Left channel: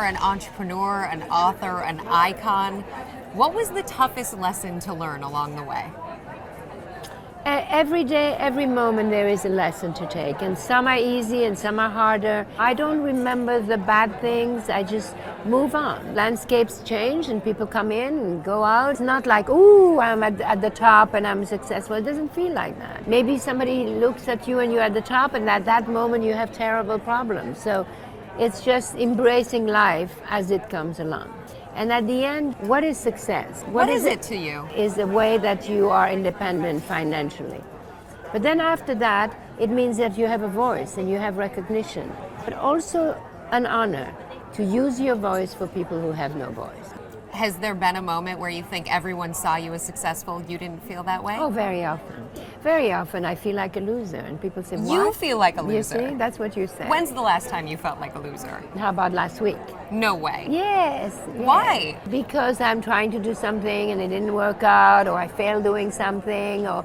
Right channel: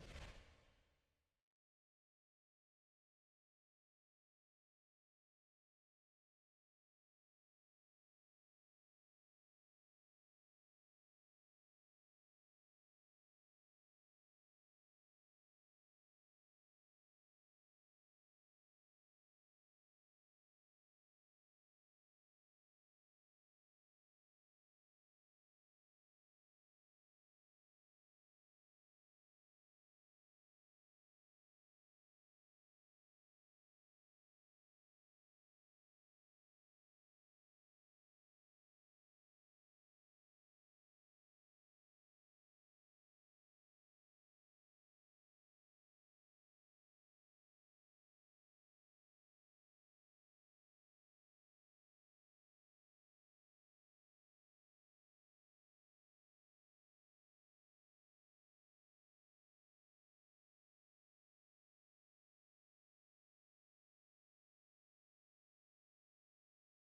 you're an entrepreneur, an author, an icon. What was the toughest lesson to learn along the way? Every day, every moment, there is a lesson to take, and some are easy and some are harder. I don't remember the bad things, I just move on. Landscapes change and people come in and go out. It's not like, ooh, I'm at the top and I'm successful. It doesn't feel like that. Maybe somebody looks at you and you're at the top, and at that moment you have terrible problems. So it's just embracing life as it comes along. And at the end, what is success? What is it to you? Is the way that you are independent financially. But then after that, it means that you have a voice and you have recognition, but also an honor to use your voice for people who have no voice. Has there been a moment where you think everyone saw you as successful, you didn't feel that way? Oh, very often. Very often I feel like a loser, and people say, what? You feel like a loser? You see, that's what you say. When's the last time you felt like a loser? How about last week? No way. Yes. Why? Because I'm trying to do something and it didn't work out, or I failed doing something, or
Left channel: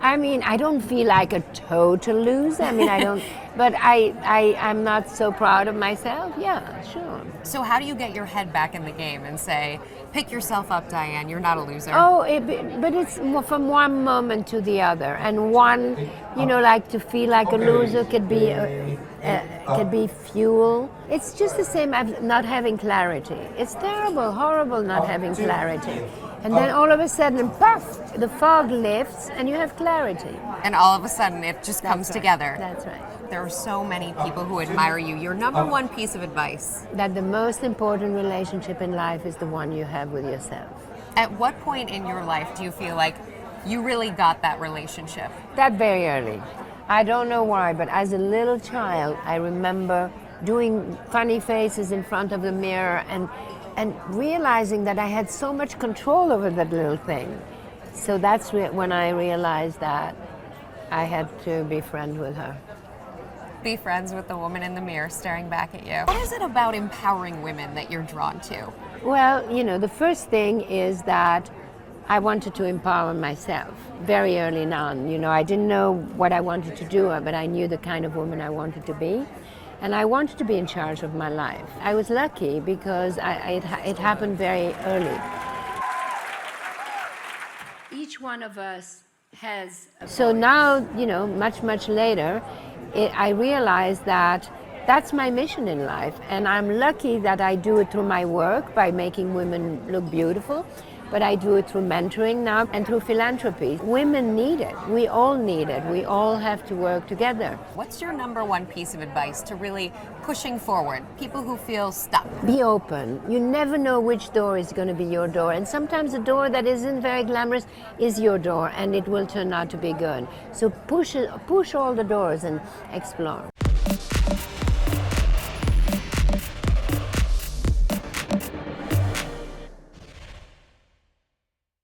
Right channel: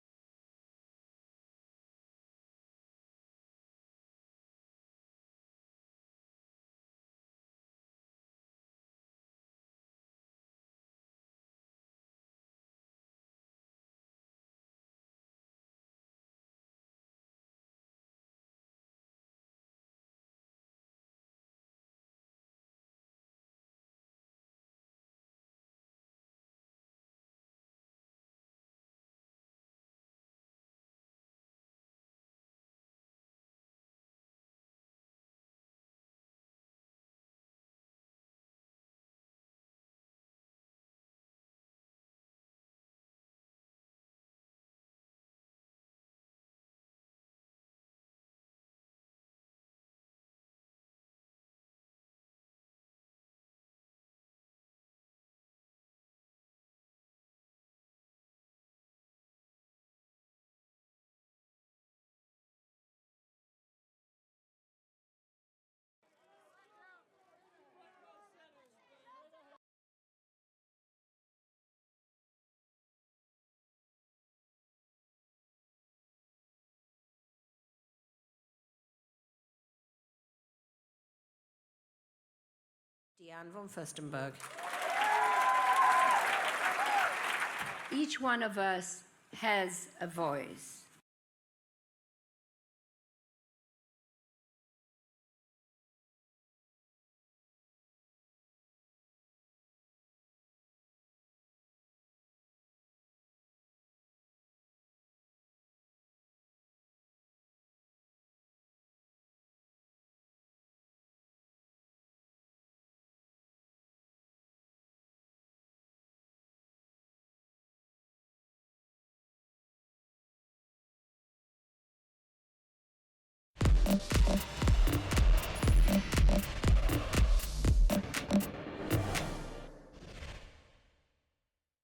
I don't feel like a total loser. I don't, but I'm not so proud of myself. Yeah, sure. So how do you get your head back in the game and say, pick yourself up, Diane, you're not a loser? Oh, but it's from one moment to the other. And one, like to feel like a loser could be fuel. It's just the same as not having clarity. It's terrible, horrible not having clarity. And then all of a sudden, puff, the fog lifts and you have clarity. And all of a sudden it just comes together. That's right. There are so many people who admire you. Your number one piece of advice? That the most important relationship in life is the one you have with yourself. At what point in your life do you feel like you really got that relationship? That very early. I don't know why, but as a little child, I remember doing funny faces in front of the mirror and realizing that I had so much control over that little thing. So that's when I realized that I had to be friends with her. Be friends with the woman in the mirror staring back at you. What is it about empowering women that you're drawn to? Well, the first thing is that I wanted to empower myself very early on. I didn't know what I wanted to do, but I knew the kind of woman I wanted to be. And I wanted to be in charge of my life. I was lucky because it happened very early. Each one of us has a voice. So now, much later, I realized that that's my mission in life. And I'm lucky that I do it through my work by making women look beautiful. But I do it through mentoring now and through philanthropy. Women need it. We all need it. We all have to work together. What's your number one piece of advice to really pushing forward? People who feel stuck. Be open. You never know which door is going to be your door. And sometimes a door that isn't very glamorous is your door, and it will turn out to be good. So push all the doors and explore.